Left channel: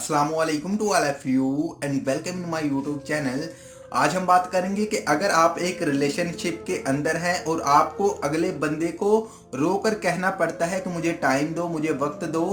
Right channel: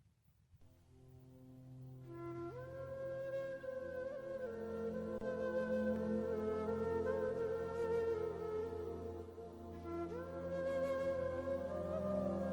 अस्सलामुअलैकुम to all of you and welcome to my YouTube channel. आज हम बात करेंगे कि अगर आप एक रिलेशनशिप के अंदर हैं और आपको अगले बंदे को रोकर कहना पड़ता है कि मुझे टाइम दो, मुझे वक्त दो,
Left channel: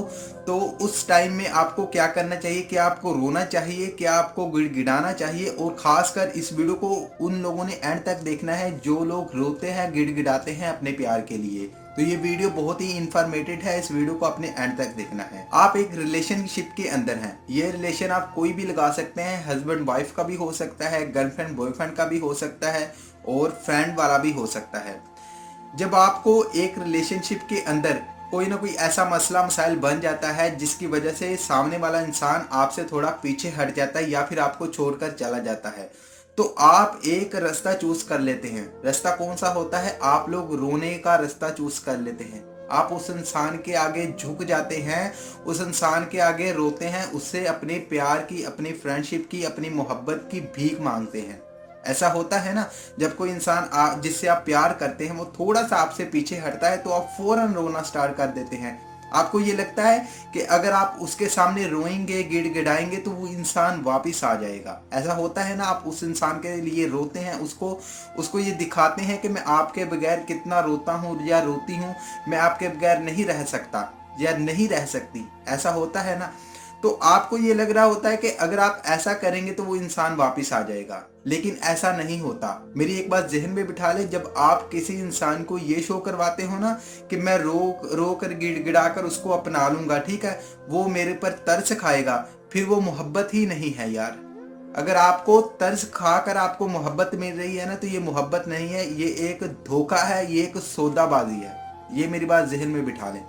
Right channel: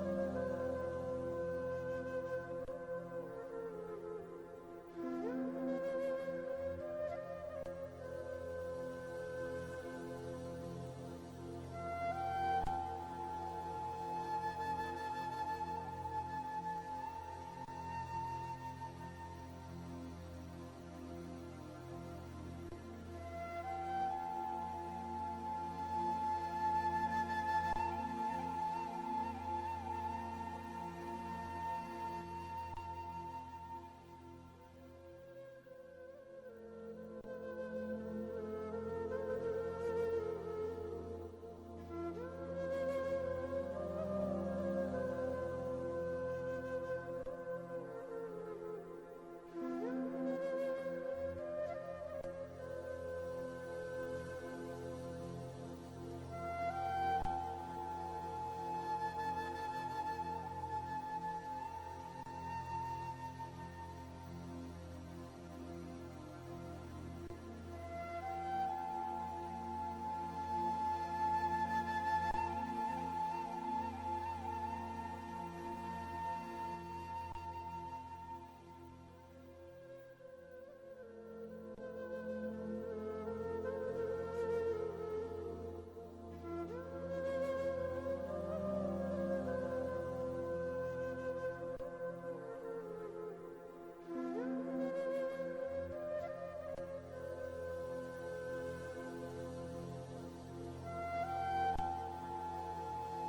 तो उस टाइम में आपको क्या करना चाहिए? क्या आपको रोना चाहिए? क्या आपको गिड़गिड़ाना चाहिए? और ख़ासकर इस वीडियो को उन लोगों ने एंड तक देखना है जो लोग रोते हैं, गिड़गिड़ाते हैं अपने प्यार के लिए। तो ये वीडियो बहुत ही इंफॉर्मेटिव है, इस वीडियो को अपने एंड तक देखना है। आप एक रिलेशनशिप के अंदर हैं, ये रिलेशन आप कोई भी लगा सकते हैं, हस्बैंड वाइफ का भी हो सकता है, गर्लफ्रेंड बॉयफ्रेंड का भी हो सकता है और फ्रेंड वाला भी हो सकता है। जब आपको एक रिलेशनशिप के अंदर कोई ना कोई ऐसा मसला मसाइल बन जाता है जिसकी वजह से सामने वाला इंसान आपसे थोड़ा पीछे हट जाता है या फिर आपको छोड़कर चला जाता है, तो आप एक रास्ता चूज कर लेते हैं। रास्ता कौन सा होता है? आप लोग रोने का रास्ता चूज कर लेते हैं। आप उस इंसान के आगे झुक जाते हैं, उस इंसान के आगे रोते हैं, उससे अपने प्यार की, अपनी फ्रेंडशिप की, अपनी मोहब्बत की भीख मांगते हैं। ऐसा होता है ना, जब कोई इंसान जिससे आप प्यार करते हैं वो थोड़ा सा आपसे पीछे हटता है तो आप फौरन रोना स्टार्ट कर देते हैं। आपको ये लगता है कि अगर आप उसके सामने रोएंगे, गिड़गिड़ाएंगे तो वो इंसान वापस आ जाएगा। ऐसा होता है ना, आप उस इंसान के लिए रोते हैं, उसको उसको ये दिखाते हैं कि मैं आपके बगैर कितना रोता हूँ या रोती हूँ, मैं आपके बगैर नहीं रह सकता या नहीं रह सकती। ऐसा होता है ना, तो आपको ये लग रहा होता है कि अगर आप ऐसा करेंगे तो वो इंसान वापस आ जाएगा, लेकिन ऐसा नहीं होता। मेरी एक बात जहन में बिठा ले, जब आप किसी इंसान को ये शो करवाते हो ना कि मैं रो कर गिड़गिड़ा कर उसको अपना लूंगा, ठीक है, वो मेरे पर तरस खाएगा, फिर वो मोहब्बत ही नहीं है यार। अगर आपको तरस खाकर आपको मोहब्बत मिल रही है ना, तो ये मोहब्बत नहीं है, ये एक धोखा है, ये एक सौदाबाजी है। ये मेरी बात जहन में बिठा लें,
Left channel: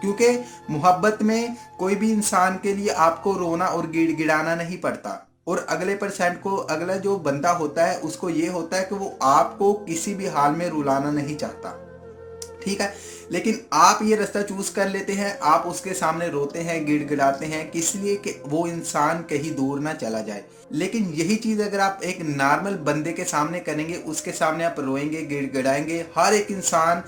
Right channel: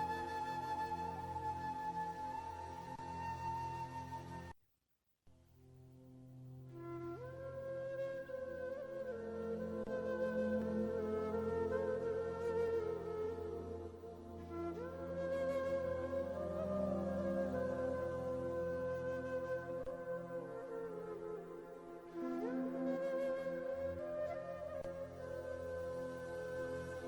क्योंकि मोहब्बत में कोई भी इंसान के लिए आपको रोना और गिड़गिड़ाना नहीं पड़ता। और अगले परसेंट को, अगला जो बंदा होता है उसको ये होता है कि वो आपको किसी भी हाल में रुलाना नहीं चाहता, ठीक है। लेकिन आप ये रास्ता चूज कर लेते हैं, आप उसके सामने रोते हैं, गिड़गिड़ाते हैं, किस लिए? कि वो इंसान कहीं दूर ना चला जाए। लेकिन यही चीज अगर आप एक नॉर्मल बंदे के सामने करेंगे, उसके सामने आप रोएंगे, गिड़गिड़ाएंगे, हर एक इंसान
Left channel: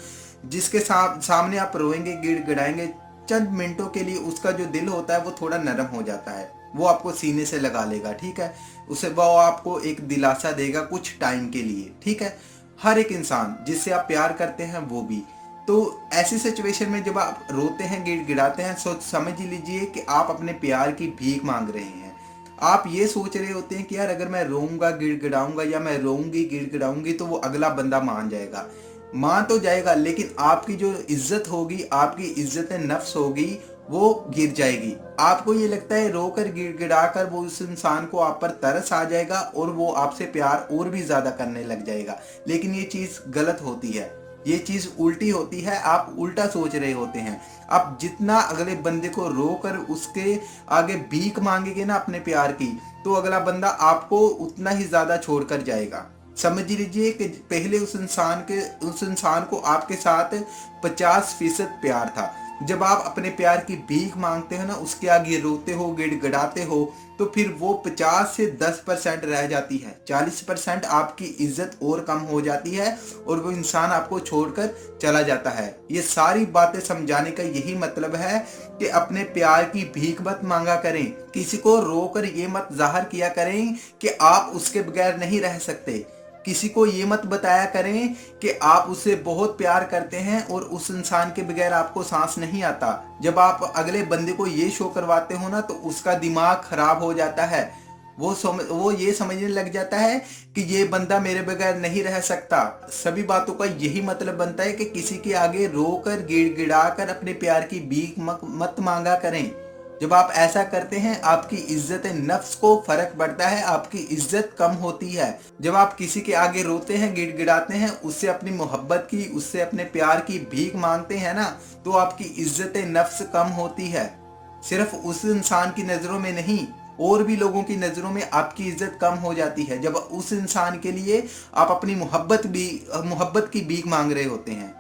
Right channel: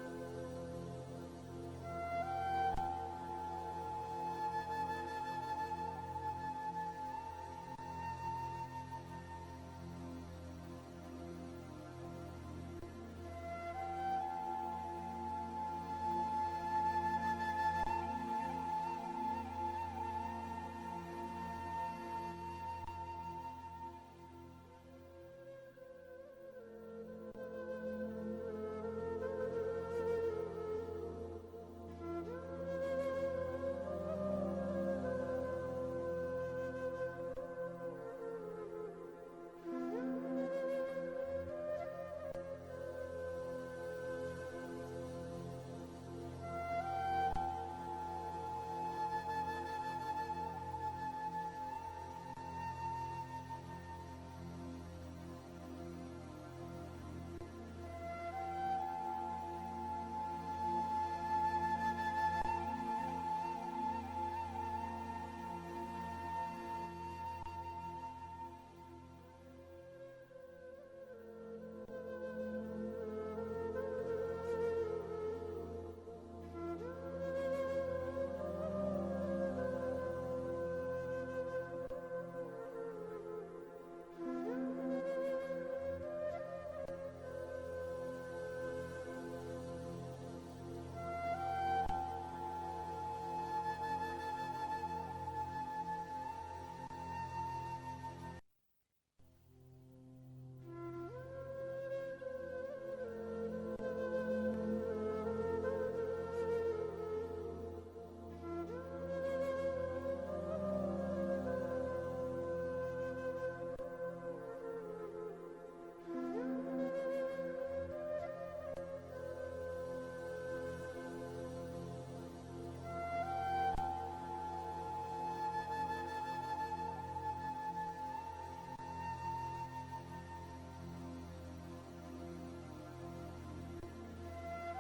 जिसके सामने आप रोएंगे, गिड़गिड़ाएंगे, चंद मिनटों के लिए उसका जो दिल होता है वो थोड़ा नरम हो जाता है, वो आपको सीने से लगा लेगा, ठीक है। उसे वो आपको एक दिलासा देगा कुछ टाइम के लिए, ठीक है। हर एक इंसान जिससे आप प्यार करते हैं वो भी। तो ऐसी सिचुएशन में जब आप रोते हैं, गिड़गिड़ाते हैं, सोच समझ लीजिए कि आप अपने प्यार की भीख मांग रहे हैं। आप ये सोच रहे होते हैं कि यार अगर मैं रोऊंगा, गिड़गिड़ाऊंगा या मैं रोऊंगी, गिड़गिड़ाऊंगी तो वो अगला बंदा मान जाएगा। मान तो जाएगा, लेकिन आपकी जो इज्जत होगी, आपकी इज्जत नफ्स होगी, वो गिर जाएगी। आपको ये लगता है रोकर गिड़गिड़ा कर वो उस इंसान को आप पर तरस आ जाएगा और वो आपसे प्यार और भी ज्यादा करने लग जाएगा। लेकिन ये चीज गलत होती है, ये चीज उल्टी होती है। आप उल्टा सोच रहे होते हैं। आप जितना अगले बंदे को रोकर उसके आगे भीख मांगेंगे ना अपने प्यार की, तो अगला बंदा आपको उतना ही ज्यादा छोड़कर जाएगा। समझ लीजिए कि पहले उस इंसान को आपके साथ 50% प्यार था। जब आप अपने प्यार की भीख मांगते हो ना, उसके आगे रोते हो, गिड़गिड़ाते हो, तो फिर वो 50 से 10% रह जाती है, 40% आपकी इज्जत और कम हो जाती है और वो इंसान आपको छोड़कर चला जाता है। ये सारी बातें समझाने का यही मतलब है कि अपने प्यार की भीख मत मांगा करें, किसी को रोकर ये मत जाहिर किया करें कि आप उसके बगैर नहीं रह सकते। किसी को ये मत बताया करें कि आप उससे बहुत प्यार करते हैं और उस इंसान के बगैर आपको सांस नहीं आता। जब आप अगले बंदे को ये शो करवाते हो ना, तो उसका दिमाग खराब हो जाता है। वो ये समझने लग जाता है कि ये बंदा मेरे बगैर नहीं रह सकता। सभी बातों का यही मतलब बनता है कि किसी के आगे रोकर, गिड़गिड़ा कर अपने प्यार की भीख मत मांगा करें। जब आप ऐसा करते हैं, आपकी इज्जत नफ्स को फर्क पड़ता है, आपकी इज्जत कम होती है। जब आप किसी के आगे रोते हैं, गिड़गिड़ाते हैं, उससे अपनी मोहब्बत की, उससे अपने प्यार की भीख मांगते हैं ना, तो आपकी इज्जत नफ्स कम होती है। सिर्फ उस इंसान की नज़रों में नहीं, और भी लोगों की नज़रों में आपकी इज्जत कम हो जाती है जब उस इंसान के लिए आप अपनी मोहब्बत की भीख मांग रहे होते हैं।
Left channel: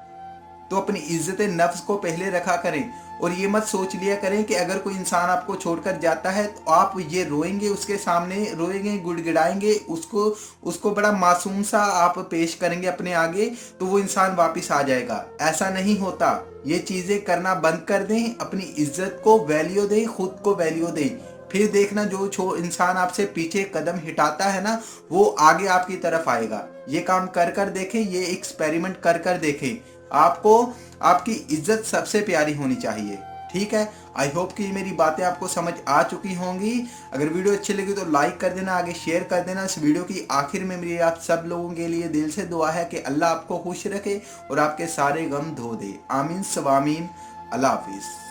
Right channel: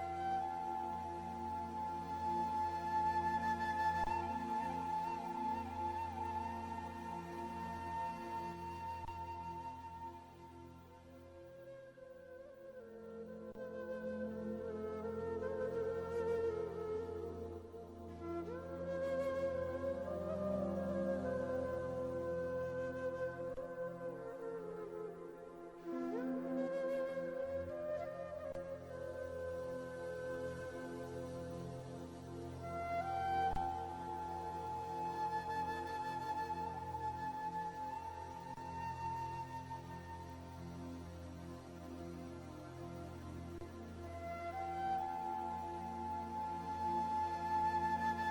तो अपनी इज्जत नफ्स को पहले रखा करें और ये मत सोच लिया करें कि अगर कोई इंसान आपको छोड़कर जाता है तो आप ये रोएंगे, उसके सामने रोएंगे, गुड़गिड़ाएंगे, उसको उसको बड़ा मासूम सा आप पेश करेंगे अपने आगे, तो वो इंसान वापस आ जाएगा। ऐसा नहीं होता। ये चीज़ें करना बंद कर दें, अपनी इज्जत को वैल्यू दें, खुद को वैल्यू दें। फिर देखना जो इंसान आपसे पीछे कदम हटाता है ना, वो आगे आपकी तरफ आएगा। ये काम कर कर देखें, ये एक्सपेरिमेंट कर कर देखें। आपको आपकी इज्जत सबसे प्यारी होनी चाहिए। ठीक है, आई होप कि मेरी बातें आपको समझ आ चुकी होंगी। अगर वीडियो अच्छी लगी तो लाइक कर देना, आगे शेयर कर देना। इस वीडियो की आखिर में मेरी आप सब लोगों के लिए दिल से दुआ है कि अल्लाह आपको खुश रखे और आपके सारे गम धो दे। आमीन सवामीन। अल्लाह हाफिज़।